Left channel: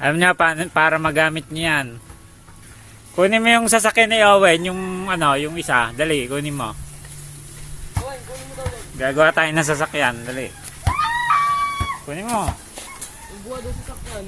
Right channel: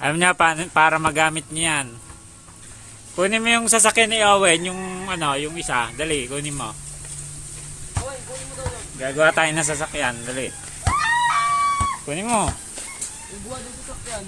Alam niya para magamit niyan. Kunin mo yung sasakyan ni Owen, yung ano, yung isa. Dali, kunin mo. Owen, kunin mo daw lang. Gagawa tayo ng sasakyan, dali. Kunin mo. Ibuha doon sa sakyan.